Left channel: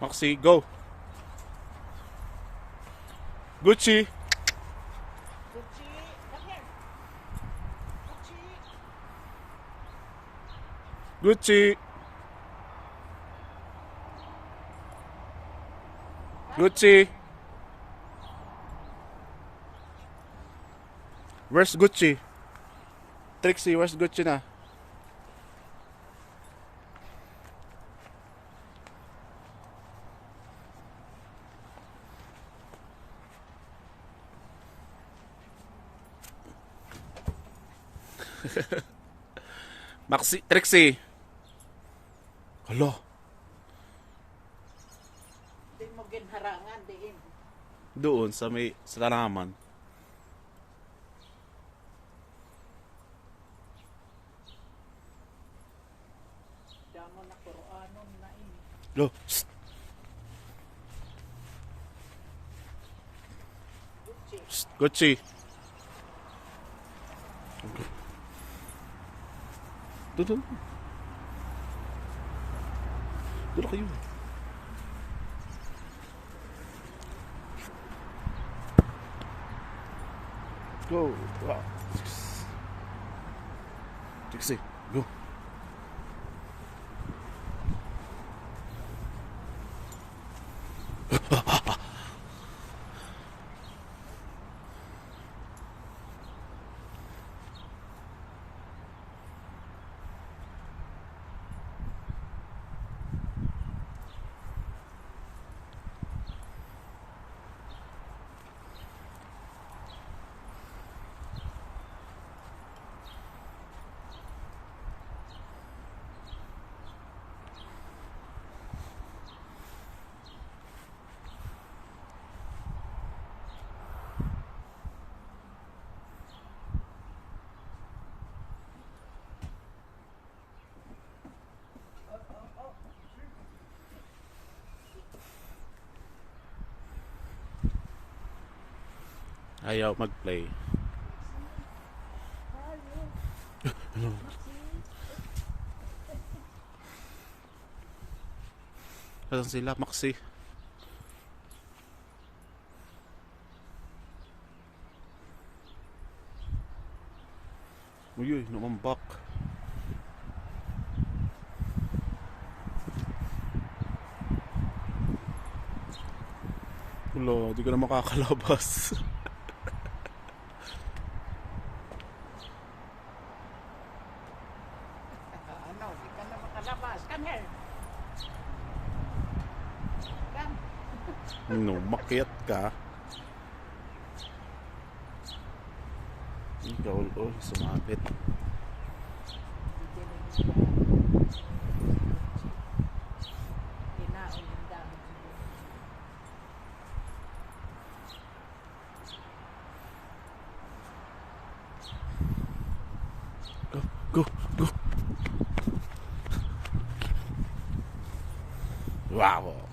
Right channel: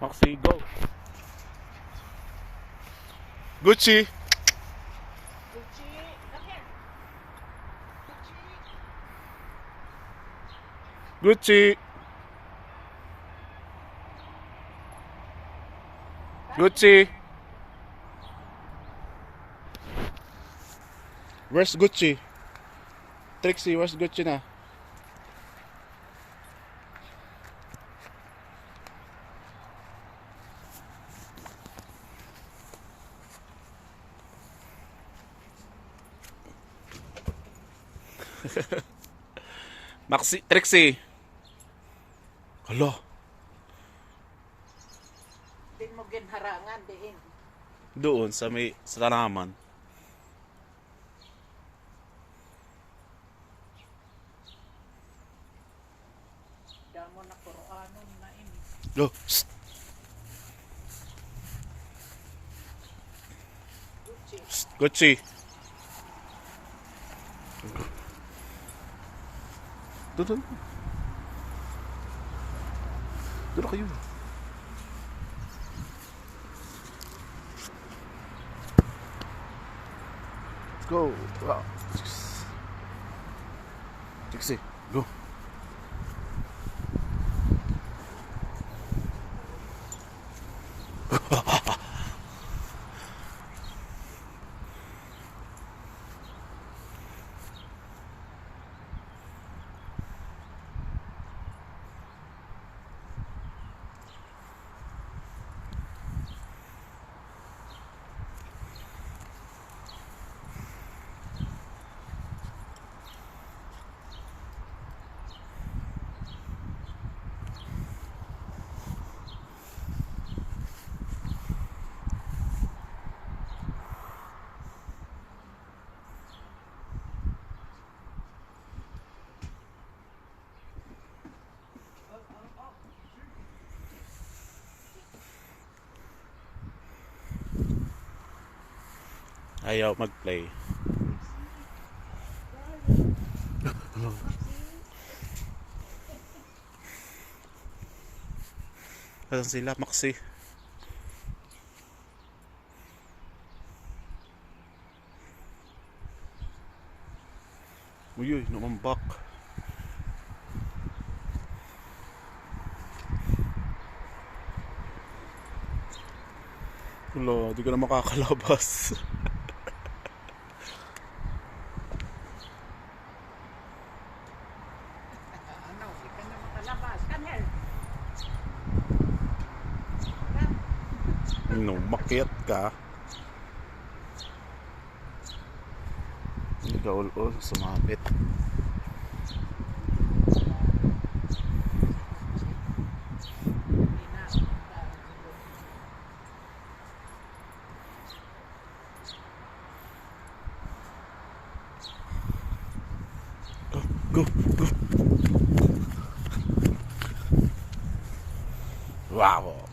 Maxi, go. Gucci. Gucci. Gucci. Where's Gucci? Trixie, where's Gucci na? Maxi, Trixie. Hala. Di mo ginharangan diin. Doon sa may sa tanaman. Damo na Qur'anon na ini. Go. Psst. Gucci. Psst. Gucci. Doon. Doon kayo. Let's go. Wow. Trixie, go. Ayaw mag-play. Asan sila, Maxi? Uy, namambak. Wala, di ka na makakalabas. Ano, di ka na makalabas. Come here. Come. No, makiat ka. Gaul-ul, sumapit. Go, go, go. Wow.